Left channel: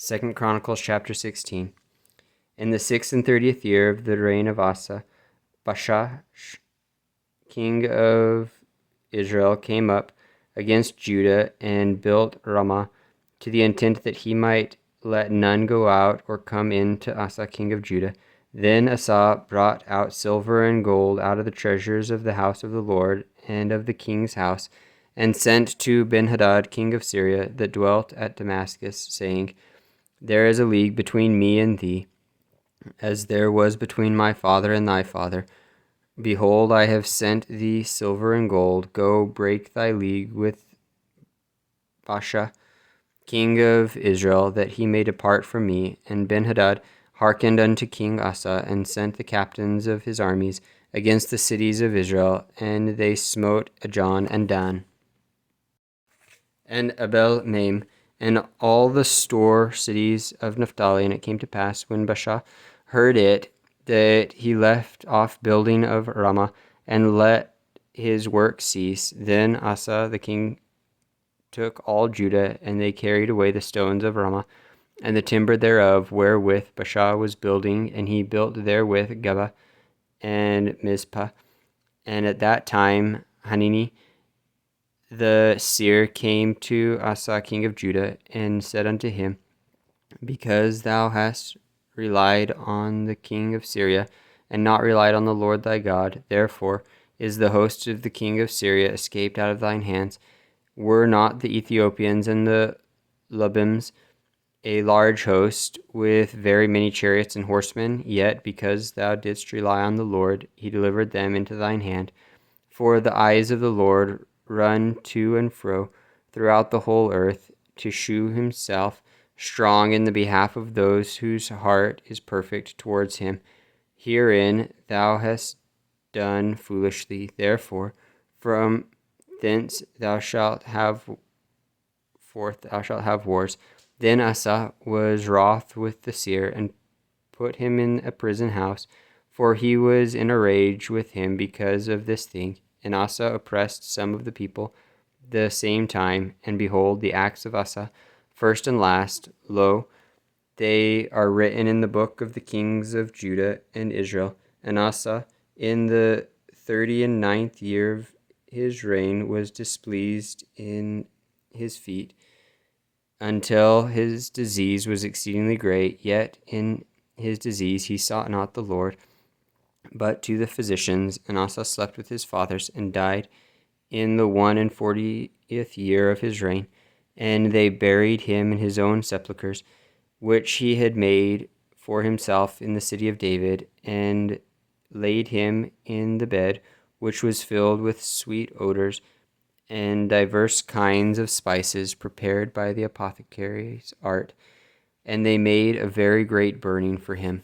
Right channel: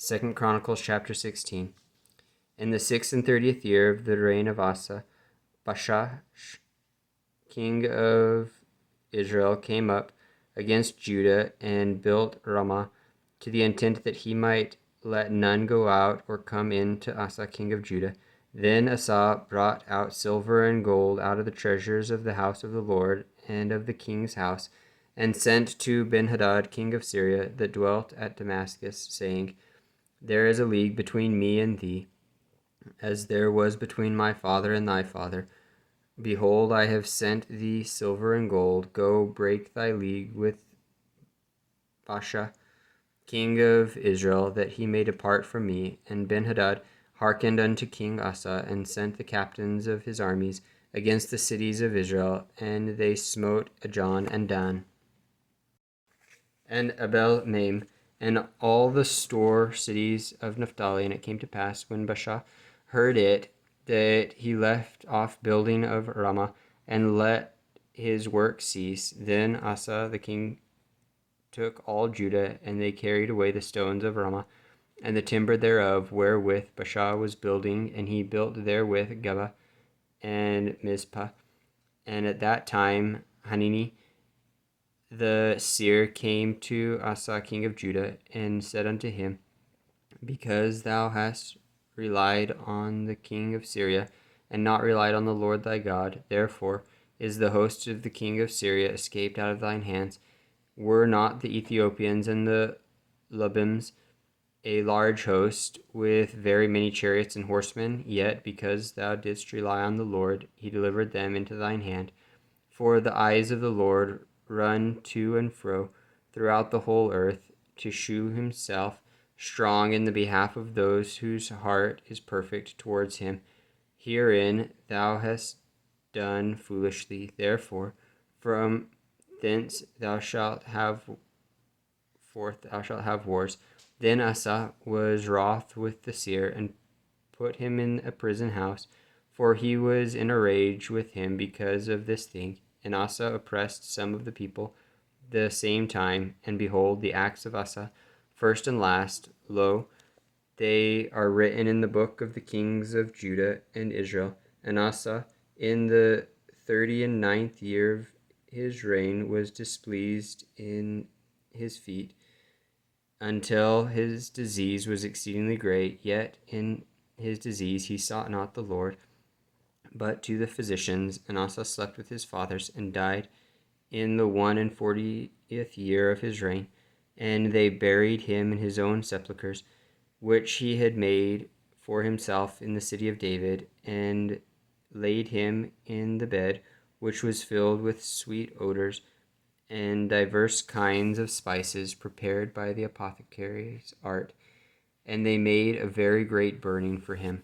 2 Chronicles chapter 16. In the 36th year of the reign of Asa, Baasha, king of Israel, came up against Judah and built Ramah, to the intent that he might let none go out or come in to Asa king of Judah. Then Asa brought out silver and gold out of the treasures of the house of the Lord and of the king's house, and sent to Benhadad king of Syria, that dwelt at Damascus, saying, There is a league between me and thee, as there was between my father and thy father. Behold, I have sent thee silver and gold. Go break thy league with Baasha, king of Israel, that he may depart from me. And Benhadad hearkened unto King Asa, and sent the captains of his armies against the cities of Israel, and they smote Ajon and Dan, and Abel-maim, and all the store cities of Naphtali. And it came to pass, when Baasha heard it, that he left off building of Ramah, and let his work cease. Then Asa the king took all Judah, and they carried away the stones of Ramah, and the timber thereof, wherewith Baasha was building, and he built therewith Geba and Mizpah. And at that time Hanani the seer came to Asa king of Judah, and said unto him, Because thou hast relied on the king of Syria, and not relied on the Lord thy God, therefore is the host of the king of Syria escaped out of thine hands. Were not the Ethiopians and the Lubims a large host, with very many chariots and horsemen? Yet because thou didst rely on the Lord, he delivered them into thine hand. For the eyes of the Lord run to and fro throughout the whole earth, to shew himself strong in the behalf of those whose heart is perfect towards him. Herein thou hast done foolishly. Therefore from thence thou shalt have wars. Then Asa was wroth with the seer, and put him in a prison house, for he was in a rage with him because of this thing. And Asa oppressed some of the people the same time. And behold, the acts of Asa, first and last, lo, they are written in the book of the kings of Judah and Israel. And Asa, in the 39th year of his reign, was displeased in his feet, until his disease was exceedingly great. Yet in his disease he sought not the Lord, but to the physicians. And Asa slept with his fathers, and died in the 41st year of his reign. And they buried him in his own sepulchres, which he had made for himself in the city of David, and laid him in the bed, which was filled with sweet odors, and divers kinds of spices prepared by the apothecary's art. And they made a very great burning for him.